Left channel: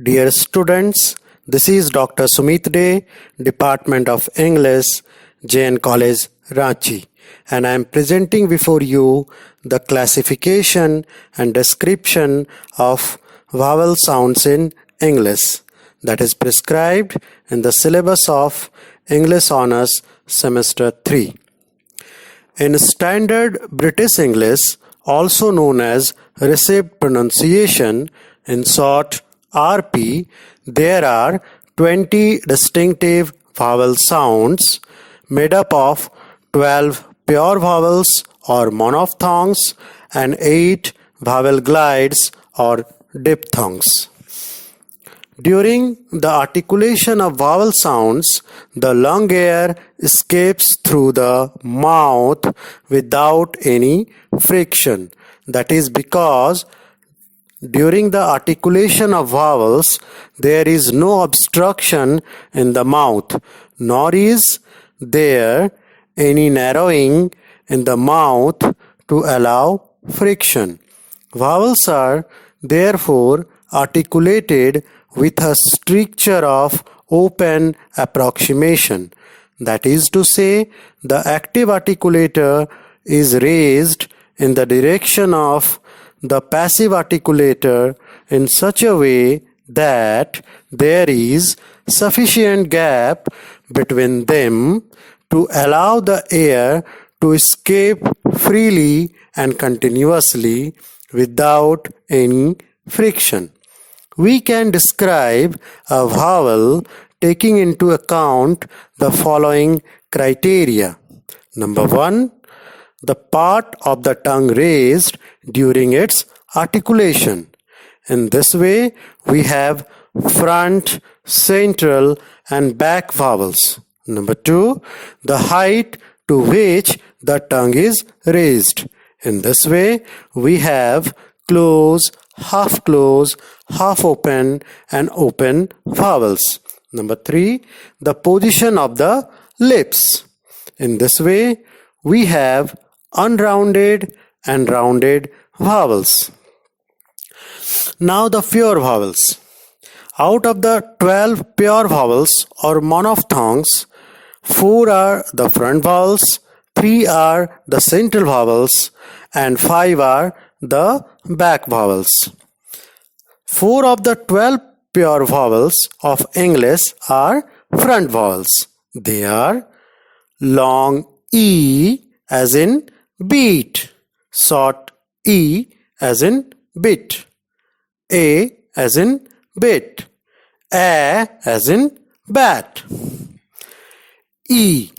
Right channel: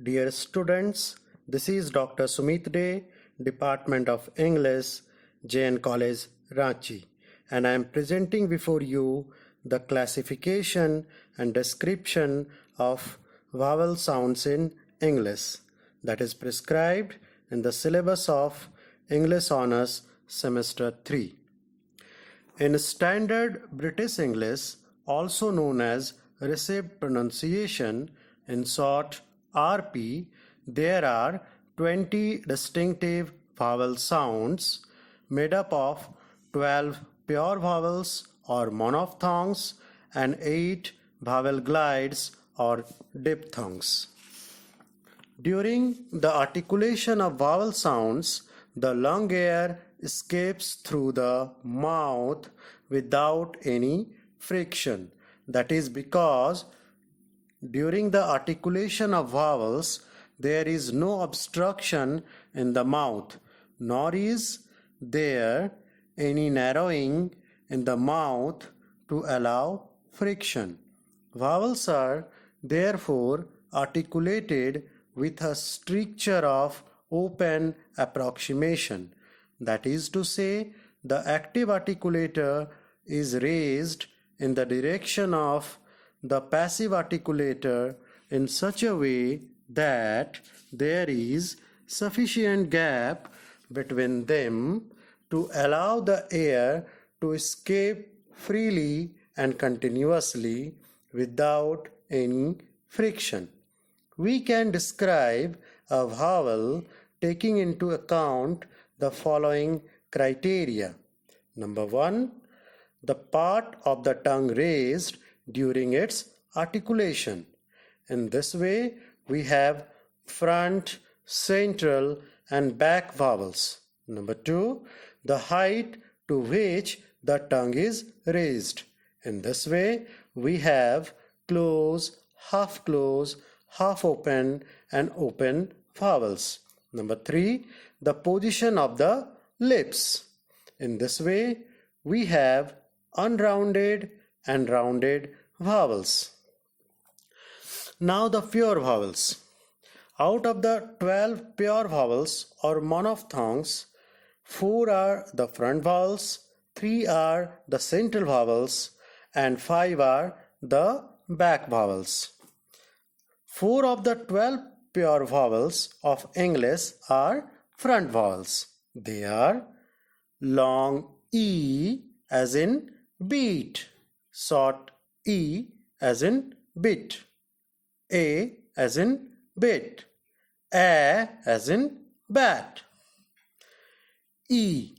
Dear students, this is Dr. Sumit Dey, Department of English, Jain College, Ranchi, and I am presenting before you the classification and description of vowel sounds in English that is prescribed in the syllabus of English Honours Semester 3. In Standard British English, also known as Received Pronunciation, in short RP, there are 20 distinctive vowel sounds made up of 12 pure vowels or monophthongs and 8 vowel glides or diphthongs. During the articulation of vowel sounds, the lung air escapes through the mouth without any friction. That is because during the articulation of vowels, there is no obstruction in the mouth, nor is there any narrowing in the mouth to allow friction. Vowels are therefore articulated with a stricture of open approximation. That is to say, the active articulator is raised in the direction of the passive articulator in such a way that there is sufficient gap between them to allow the air to escape freely and continuously without any friction. We can describe a vowel taking into account the following criteria. Number 1, the part of the tongue raised during its articulation. In this way, we have front, central, and back vowels. Number 2, the height to which the tongue is raised. In this way, we have close, half open, and open vowels. Number 3, the position of the lips. In this way, we have unrounded and rounded vowels. Now the pure vowels. Out of the 12 pure vowels or monophthongs, 4 are the front vowels, 3 are the central vowels, and 5 are the back vowels. 4 of the 12 pure vowels of English are front vowels. They are long E as in beat, short E as in bit, A as in bit, A as in bat. E.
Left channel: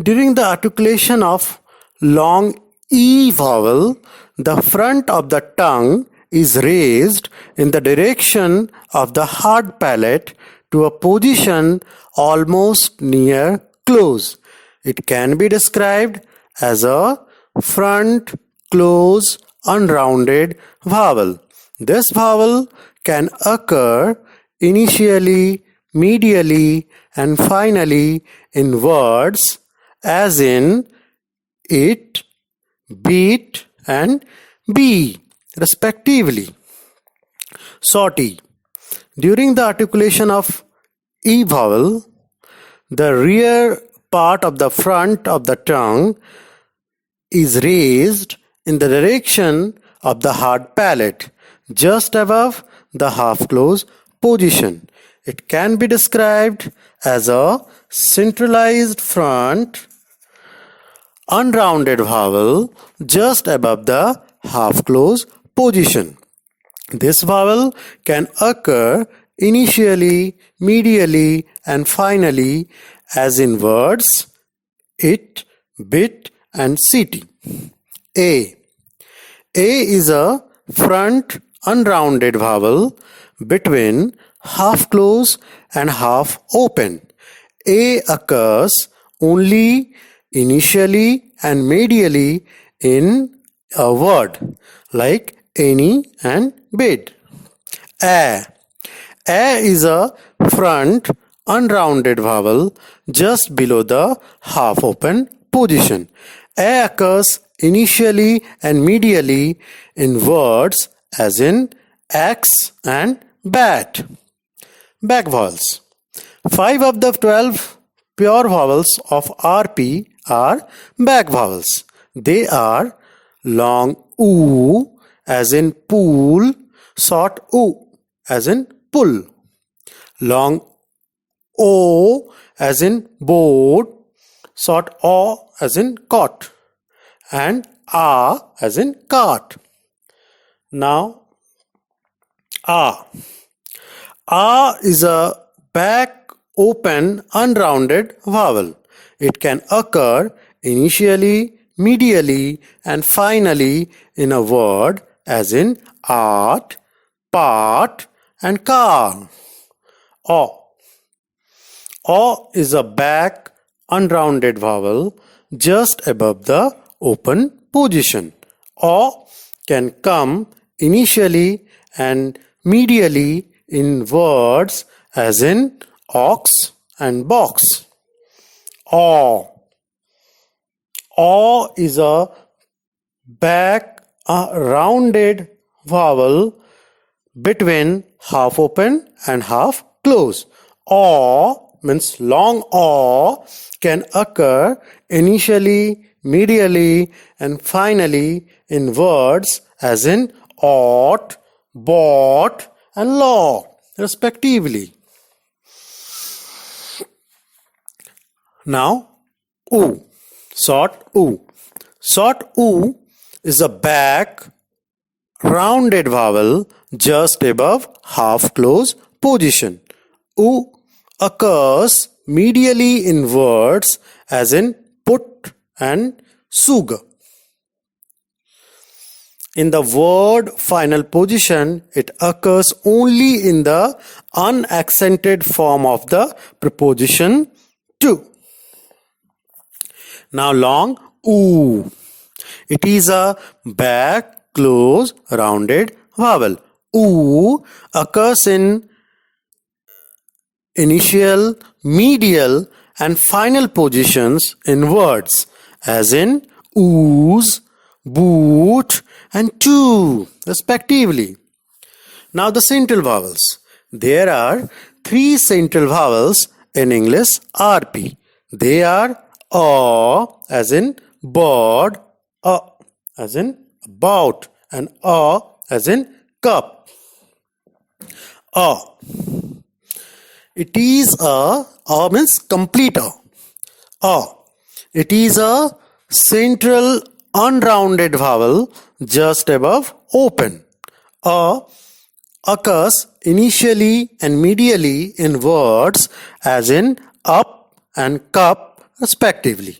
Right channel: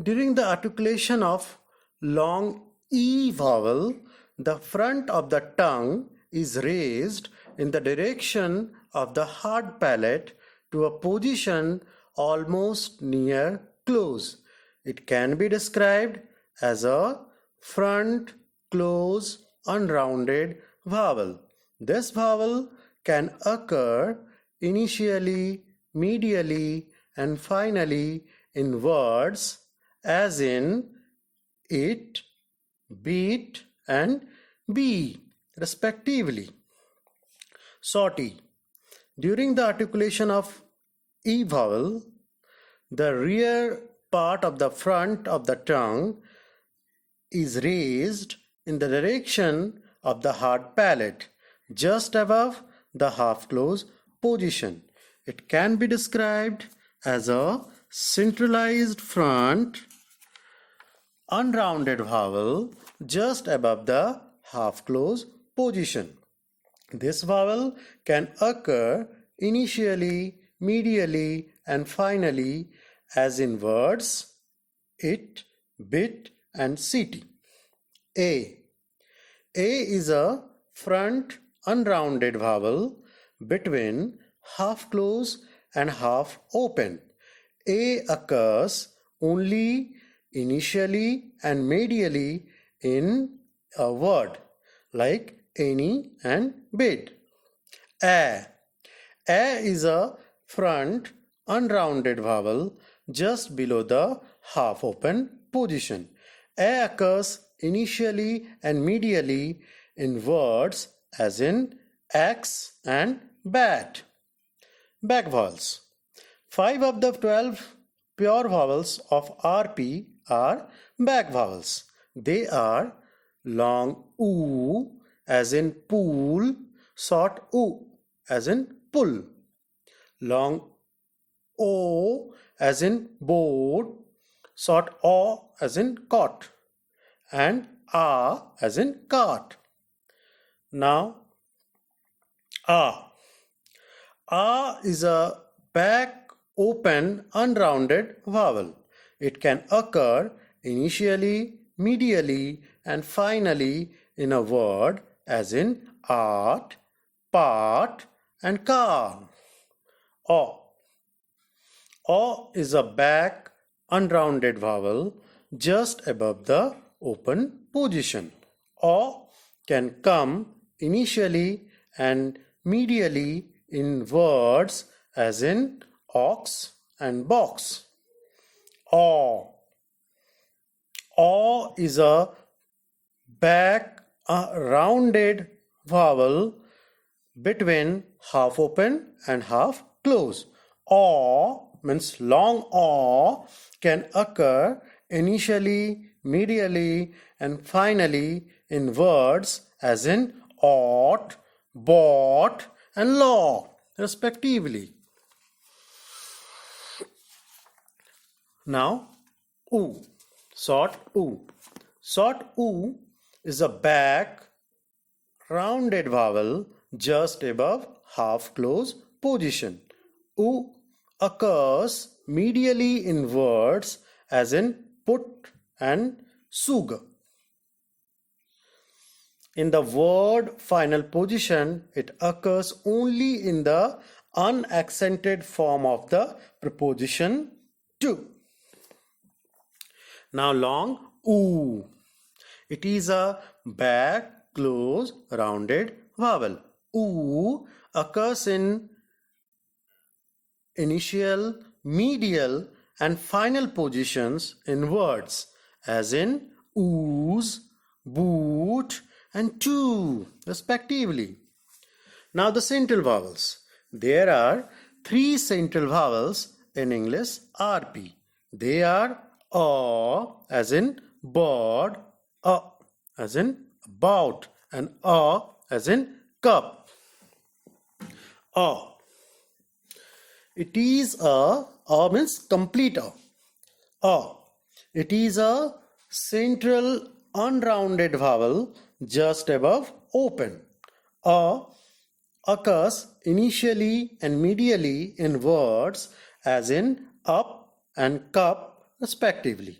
During the articulation of long E vowel, the front of the tongue is raised in the direction of the hard palate to a position almost near close. It can be described as a front, close, unrounded vowel. This vowel can occur initially, medially, and finally in words as in it, beat, and bee, respectively. Short E. During the articulation of E vowel, the rear part of the front of the tongue is raised in the direction of the hard palate, just above the half-close position. It can be described as a centralized front, unrounded vowel just above the half-close position. This vowel can occur initially, medially, and finally as in words it, bit, and city. A. A is a front unrounded vowel between half close and half open. A occurs only initially and medially in a word like any and bid. A. A is a front unrounded vowel just below the half open position. A occurs initially and medially in words as in X and bat. Back vowels. 5 of the 12 pure vowels of RP are back vowels. They are long oo as in pool, short oo as in pull, long o as in boat, short o as in caught, and a as in cart. Now, a. A is a back open unrounded vowel. It can occur initially, medially, and finally in a word as in art, part, and car. O. O is a back unrounded vowel just above the open position. O can come initially and medially in words as in ox and box. O. O is a back rounded vowel between half open and half close. O means long O can occur initially, medially, and finally in words as in ought, bought, and law, respectively. Now, oo, short oo. Short oo is a back rounded vowel just above half close position. Oo occurs medially in words as in put and sugar. In the word final position, it occurs only in the unaccented form of the preposition to. Now long oo. It is a back close rounded vowel. Oo occurs in initial, medial, and final positions in words as in ooze, boot, and two, respectively. Now the central vowels. There are 3 central vowels in English RP. They are A as in bird, A as in about, and A as in cup. A. It is a means complete A. It is a central unrounded vowel just above open. A occurs initially and medially in words as in up and cup, respectively.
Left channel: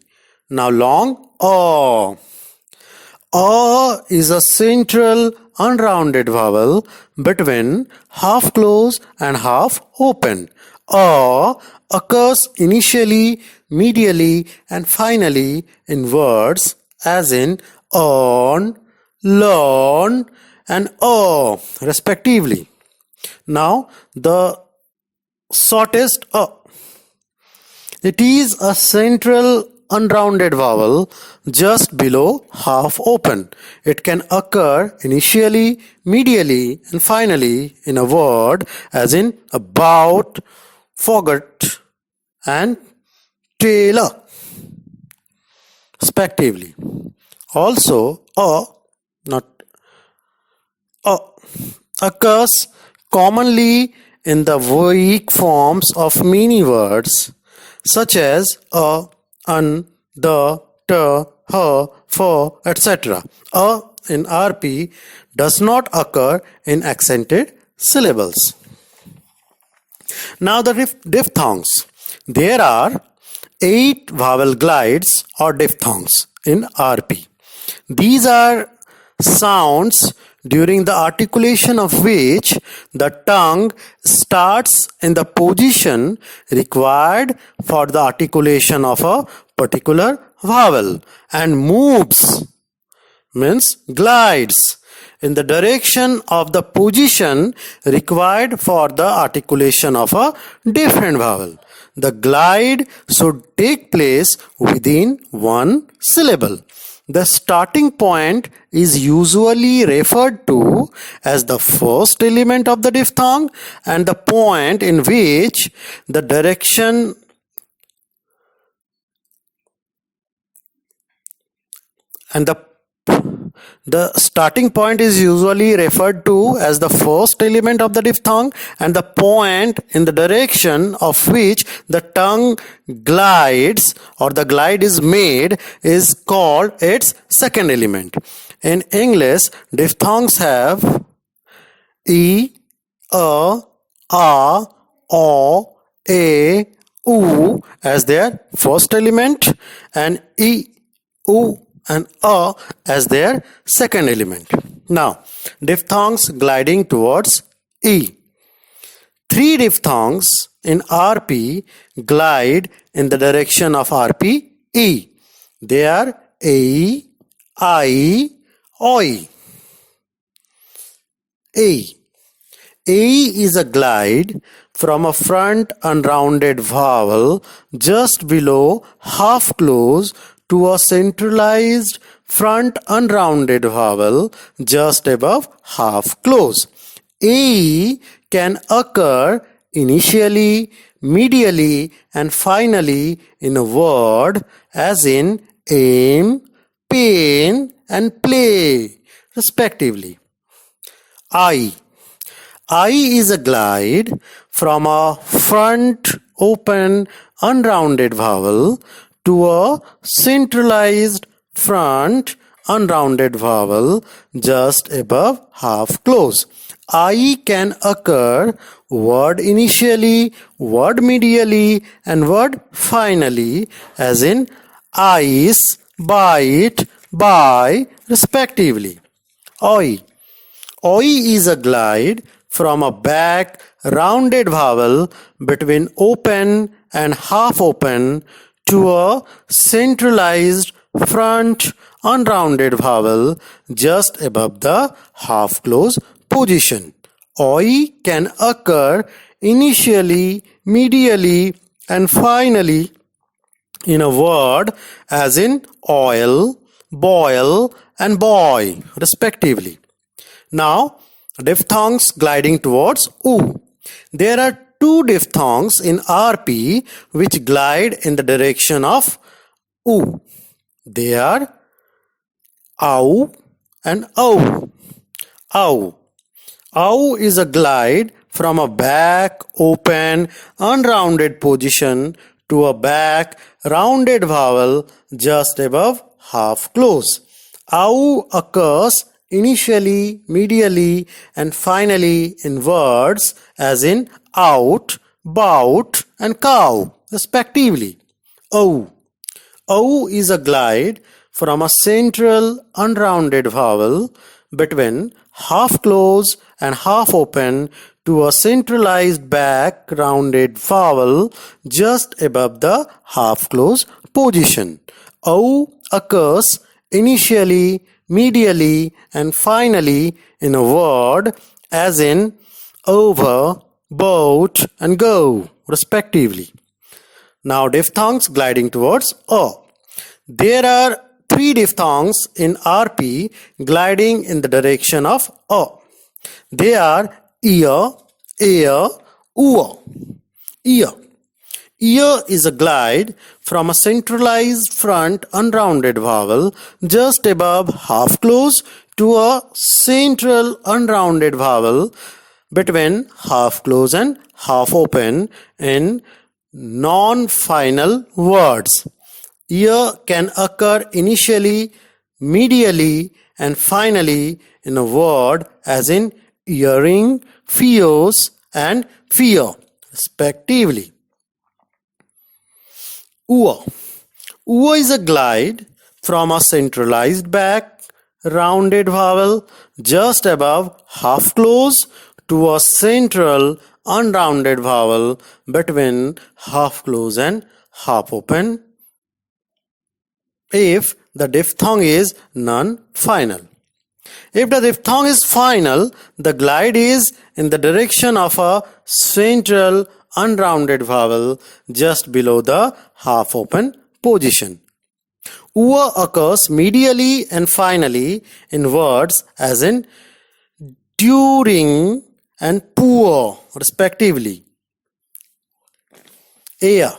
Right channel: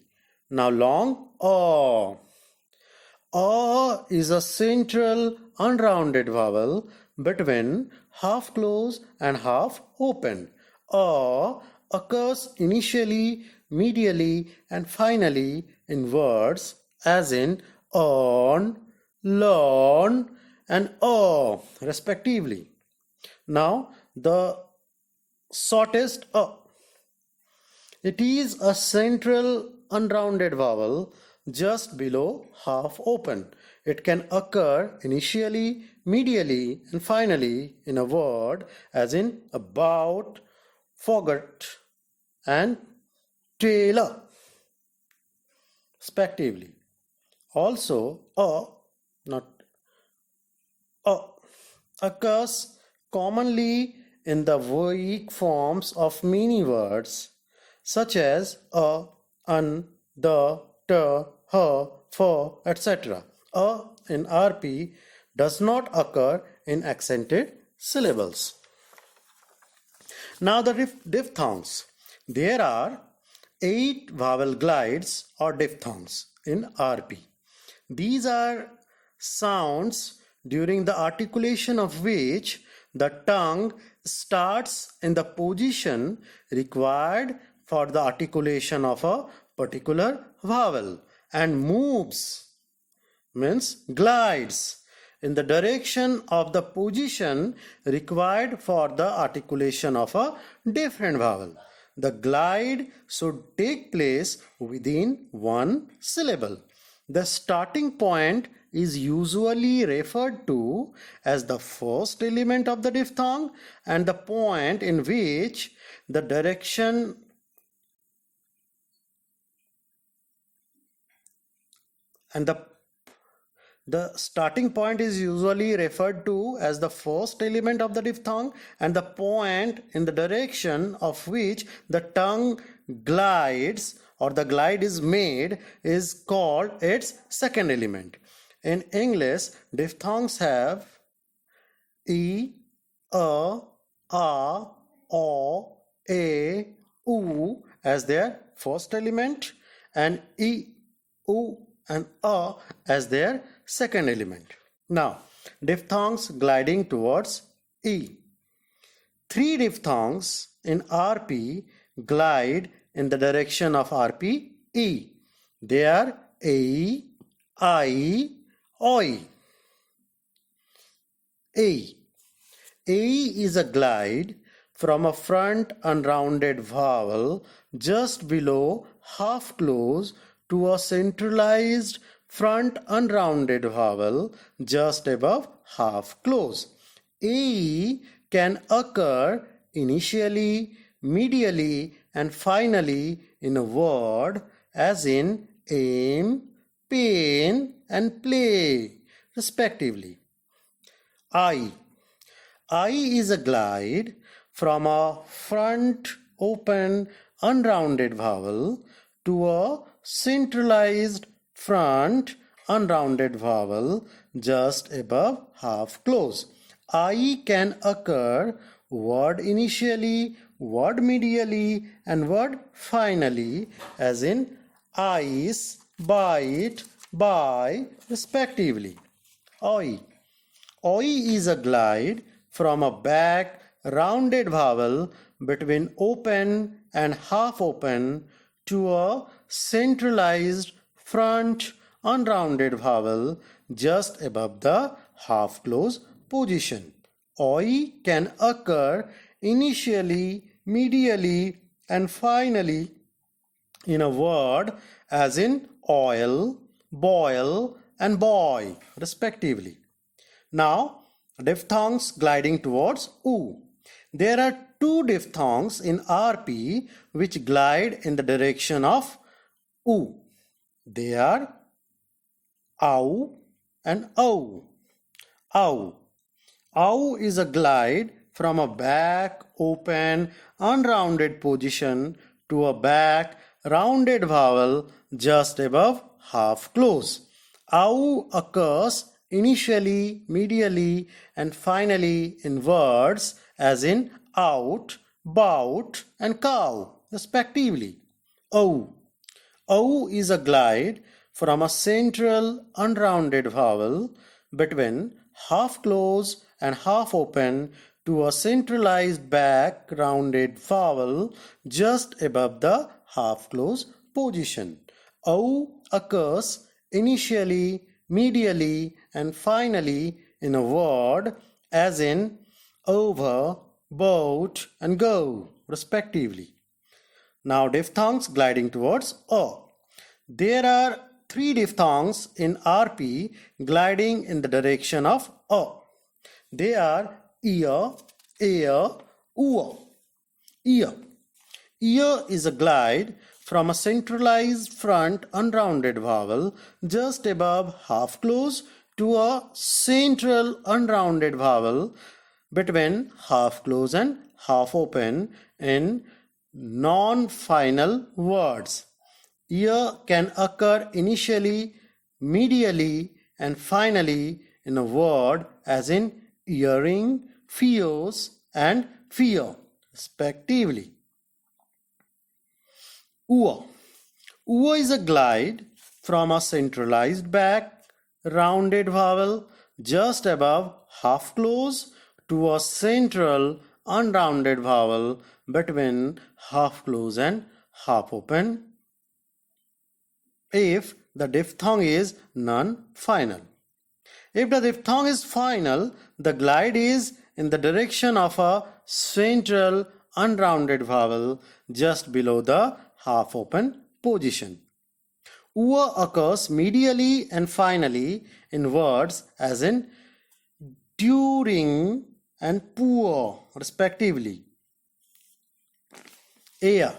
Now long A. A is a central unrounded vowel between half close and half open. A occurs initially, medially, and finally in words as in on, learn, and respectively. Now the shortest A. It is a central unrounded vowel just below half open. It can occur initially, medially, and finally in a word as in about, forgot, and tailor, respectively. Also, occurs commonly in the weak forms of many words such as a, an, the, t, her, for, etc. A in RP does not occur in accented syllables. Now the diphthongs. There are 8 vowel glides or diphthongs in RP. These are sounds during the articulation of which the tongue starts in the position required for the articulation of a particular vowel and moves, means glides, in the direction of the position required for the articulation of a different vowel. The glide should take place within one syllable. The starting point is usually referred to as the first element of the diphthong and the point in which the direction and the starting point is usually referred to as the first element of the diphthong and the point in the direction of which the tongue glides or the glide is made is called its second element. In English, diphthongs have E, A, O, A, U as their first element and E, U and A as their second element. Now, diphthongs gliding towards E. Three diphthongs in RP glide in the direction of RP E. They are AE, IE, OE. A. A is a glide from a front unrounded vowel just below half close to a centralized front unrounded vowel just above half close. A can occur initially, medially, and finally in a word as in aim, pain, and play, respectively. I is a glide from a front open unrounded vowel to a centralized front unrounded vowel just above half close. I can occur word initially, word medially, and word finally, as in ice, bite, buy, respectively. Oi. Oi is a glide from a back rounded vowel between open and half open to a centralized front unrounded vowel just above the half close position. Oi can occur initially, medially, and finally in a word as in oil, boil, and boy, respectively. Now, diphthongs gliding towards U. There are two diphthongs in RP which glide in the direction of U. They are OW and OW. OW. OW is a glide from a back open unrounded position to a back rounded vowel just above half close. OW occurs initially, medially, and finally in words as in out, bout, and cow, respectively. O. O is a glide from a central unrounded vowel between half close and half open to a centralized back rounded vowel just above the half close position. O occurs initially, medially, and finally in a word as in over, boat, and go, respectively. Now diphthongs gliding towards O. There are three diphthongs in RP gliding in the direction of O. They are ear, ear, oor. Ear. Ear is a glide from a centralized front unrounded vowel just above half close to a central unrounded vowel between half close and half open in non-final words. Ear can occur initially, medially, and finally in a word as in earring, fears, and fear, respectively. Ua. Ua is a glide from a centralized back rounded vowel just above half close to a central unrounded vowel between half close and half open if the diphthong is non-final. If the diphthong is final, the glide is in the direction of a central unrounded vowel just below the half open position. Ua occurs medially and finally in words as in during and poor, respectively. Air.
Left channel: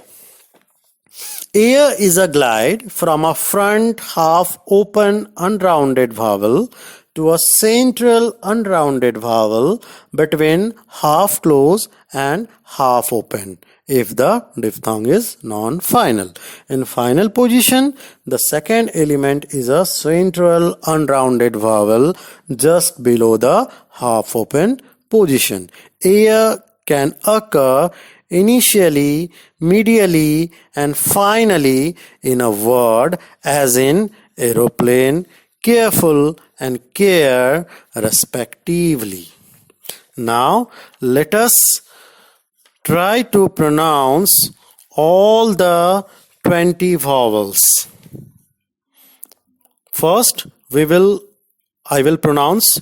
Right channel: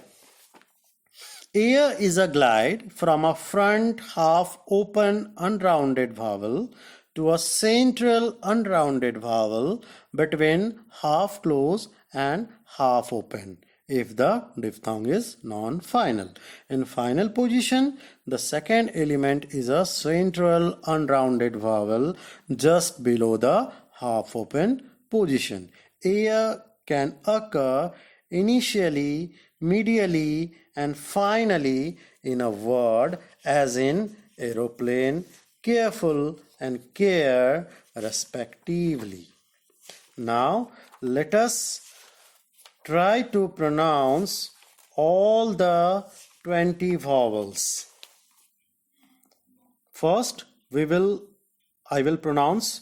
Air is a glide from a front half open unrounded vowel to a central unrounded vowel between half close and half open if the diphthong is non-final. In final position, the second element is a central unrounded vowel just below the half open position. Air can occur initially, medially, and finally in a word as in aeroplane, careful, and care, respectively. Now, let us try to pronounce all the 20 vowels. First, I will pronounce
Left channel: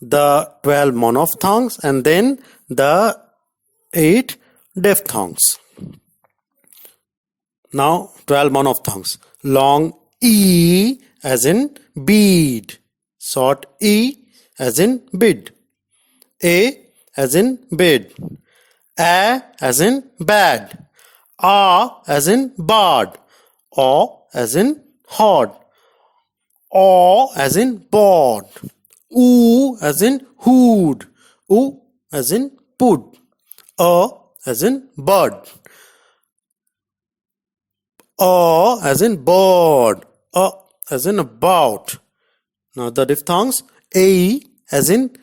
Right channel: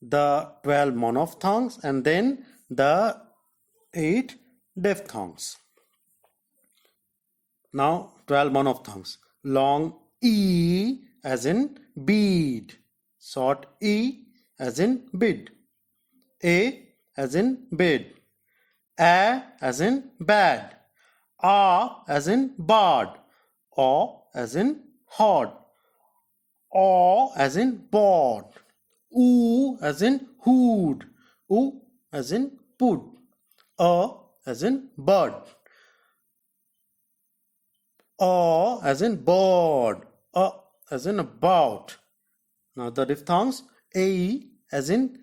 the 12 monophthongs and then the 8 diphthongs. Now 12 monophthongs. Long E as in bead. Short E as in bid. A as in bid. A as in bad. A as in bard. O as in hod. O as in board. Oo as in hood. U as in pud. A as in bird. A as in bird. A as in about. Now the diphthongs. A as in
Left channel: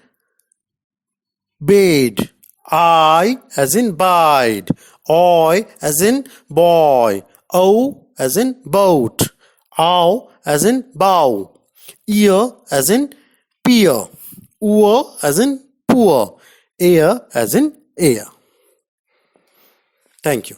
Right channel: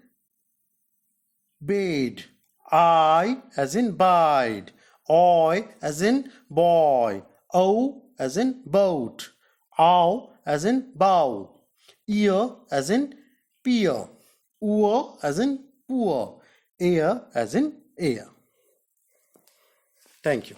bade. I as in bide. Oi as in boy. O as in boat. Ow as in bow. Ear as in peer. Oor as in poor. Air as in air. Thank you.